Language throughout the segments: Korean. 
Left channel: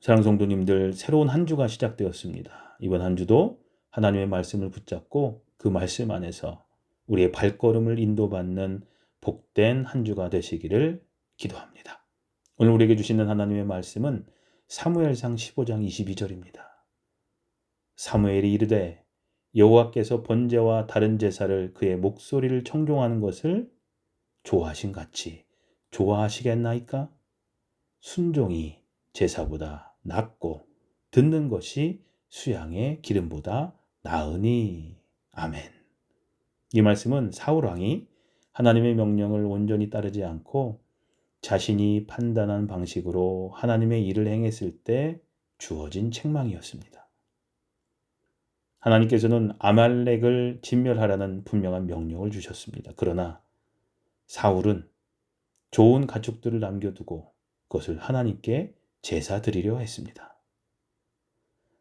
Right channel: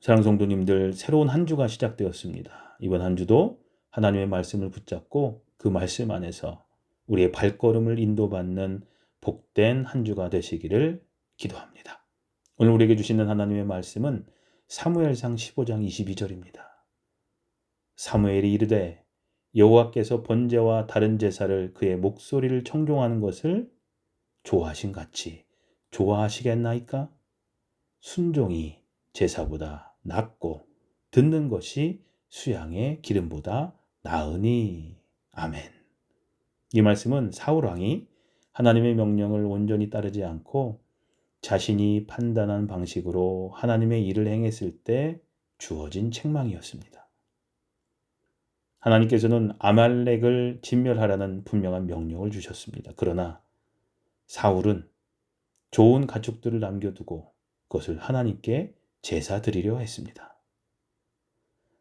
사랑하는 성도님들, 새로운 한 주가 시작되었습니다. 이번 한 주도 하나님의 말씀을 붙잡고 그 말씀 안에서 우리의 발걸음을 인도받는 복된 한 주가 되시기를 기도합니다. 오늘 우리에게 주시는 하나님의 말씀은 사무엘상 15장 22절입니다. 사무엘이 이르되 여호와께서 번제와 다른 제사를 그의 목소리를 청종하는 것을 좋아하신 같이 좋아하시겠나이까? 순종이 제사보다 낫고 듣는 것이 수양의 기름보다 나으니. 아멘. 이 말씀은 사울 왕이 하나님의 명령을 온전히 따르지 않고 자신이 판단한 방식으로 하나님의 일을 행했을 때 주어진 책망이었습니다. 하나님께서는 아말렉을 진멸하라는 분명한 명령을 주셨습니다. 그러나 사울은 좋은 가축들을 남겨두고 그것을 하나님께 제사 드리려 했습니다.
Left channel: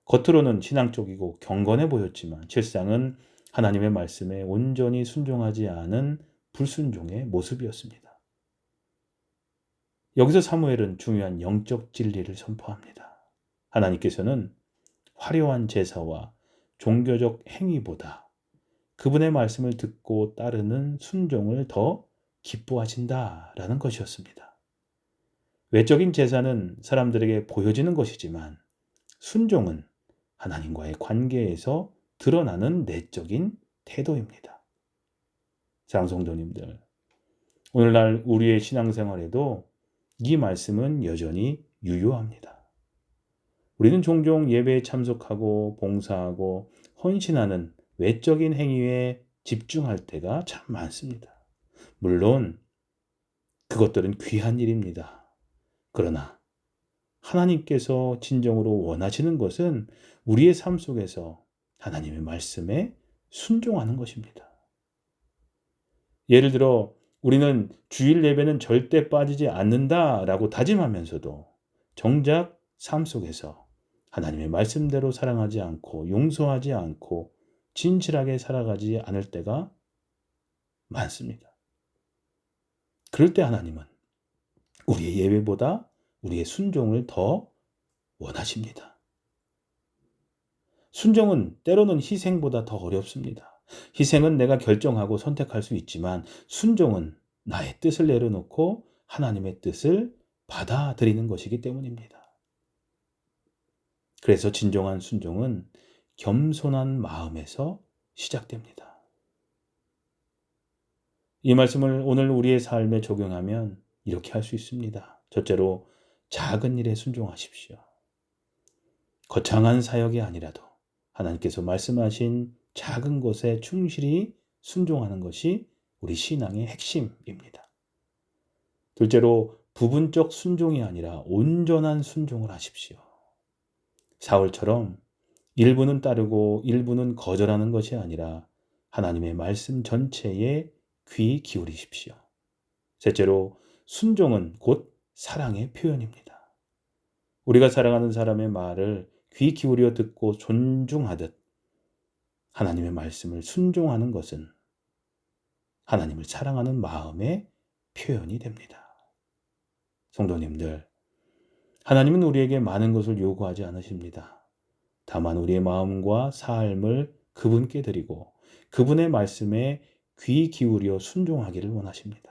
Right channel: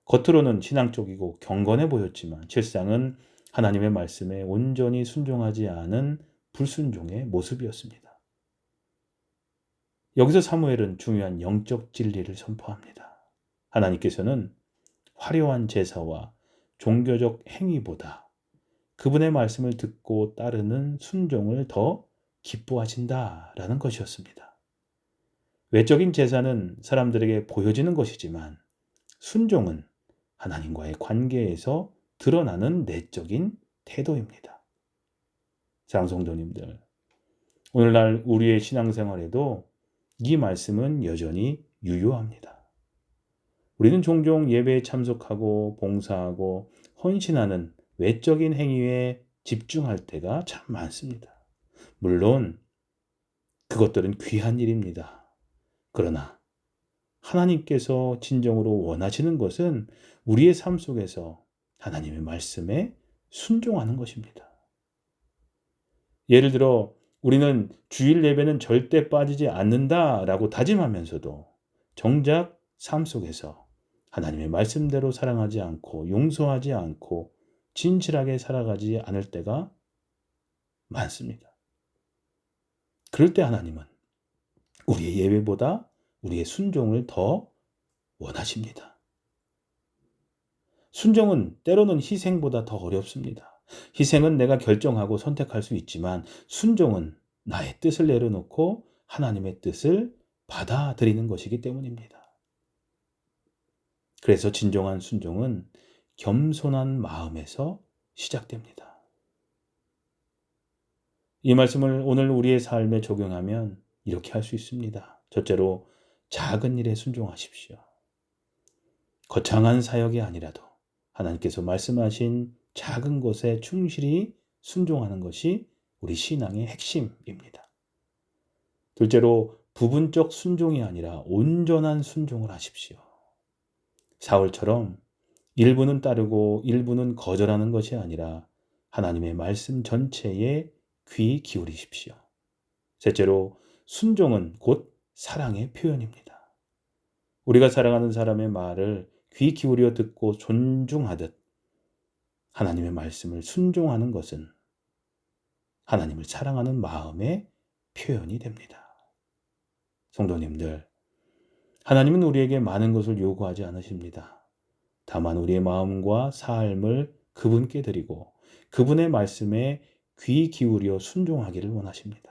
겉으로는 신앙적이고 경건해 보였지만 실상은 하나님의 말씀에 온전히 순종하지 않은 불순종의 모습이었습니다. 여기서 사무엘은 중요한 영적 진리를 선포합니다. 하나님께서는 화려한 제사와 종교적 행위보다 그분의 말씀을 듣고 따르는 순종을 더 기뻐하신다라는 것이었습니다. 외적인 제사는 사람들에게 보여지는 것이지만 순종은 하나님과의 관계에서 드러나는 내적인 태도입니다. 사랑하는 성도님들, 오늘날 우리의 신앙생활에도 이 말씀은 여전히 유효합니다. 우리는 종종 예배에 참석하고 봉사하고 헌신하는 외적인 행위에 집중할 때가 참 많습니다. 물론 그것들은 귀한 일입니다. 그러나 하나님께서 진정으로 원하시는 것은 우리의 삶 속에서 하나님의 말씀에 순종하는 것입니다. 예를 들어 우리는 주일 예배는 절대 빠지지 않는다라고 다짐하면서도 정작 삶 속에서 하나님의 말씀대로 사랑하지 않고 용서하지 않고 진실하게 살아가지 않을 때가 많습니다. 그럴 때 하나님은 우리의 예배보다 우리의 순종을 더 원하십니다. 순종은 때로는 희생보다 더 어렵습니다. 희생은 내가 결정하고 선택할 수 있지만 순종은 나의 뜻을 내려놓고 하나님의 뜻을 받아들이는 것이기 때문입니다. 그래서 진정한 순종은 겸손한 마음에서 시작됩니다. 이 말씀을 오늘 우리의 삶에 적용하면 이렇게 할 수 있습니다. 첫째로 작은 일에 순종하십시오. 거창한 사역이 아니라도 하나님께서 말씀하신 작은 것에 충실히 순종하는 것이 우리 신앙의 핵심입니다. 둘째로 부분적 순종이 아니라 온전한 순종을 하십시오. 사울처럼 일부는 따르고 일부는 거절하는 것이 아니라 하나님의 말씀 전체에 귀 기울이십시오. 셋째로 순종은 곧 사랑의 표현입니다. 우리가 사랑하는 사람의 말을 귀 기울여 듣고 존중하듯 하나님의 말씀을 순종하는 것은 하나님을 사랑하는 마음의 표현이 됩니다. 성도님들, 하나님은 우리에게 많은 것을 요구하지 않으십니다. 다만 우리의 마음과 삶을 그분께 드리고 그분의 말씀에 귀 기울여 순종하기를 원하십니다.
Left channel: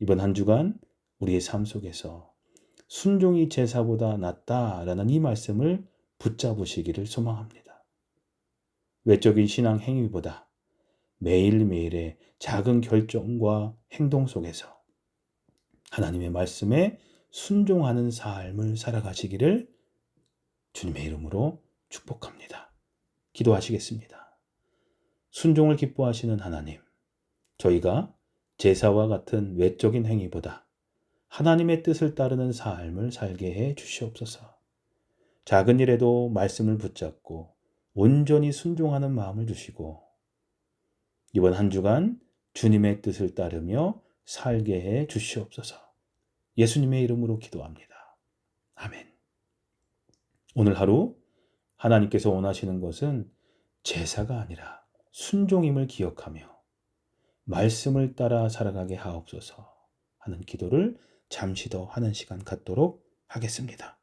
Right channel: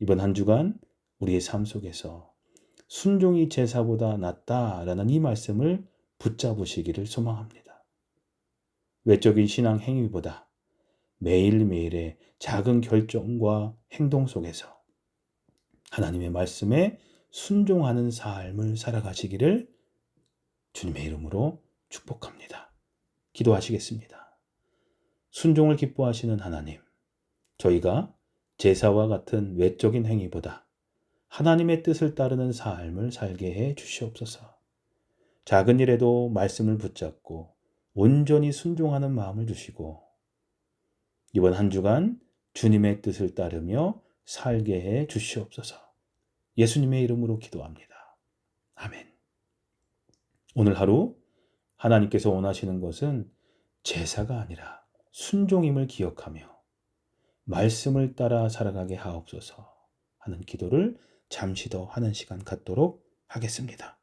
이번 한 주간 우리의 삶 속에서 순종이 제사보다 낫다라는 이 말씀을 붙잡으시기를 소망합니다. 외적인 신앙 행위보다 매일매일의 작은 결정과 행동 속에서 하나님의 말씀에 순종하는 삶을 살아가시기를 주님의 이름으로 축복합니다. 기도하시겠습니다. 순종을 기뻐하시는 하나님, 저희가 제사와 같은 외적인 행위보다 하나님의 뜻을 따르는 삶을 살게 해 주시옵소서. 작은 일에도 말씀을 붙잡고 온전히 순종하는 마음을 주시고 이번 한 주간 주님의 뜻을 따르며 살게 해 주시옵소서. 예수님의 이름으로 기도합니다. 아멘. 오늘 하루 하나님께서 원하시는 것은 제사가 아니라 순종임을 기억하며 말씀을 따라 살아가게 하옵소서 하는 기도를 잠시 더 하는 시간 갖도록 하겠습니다.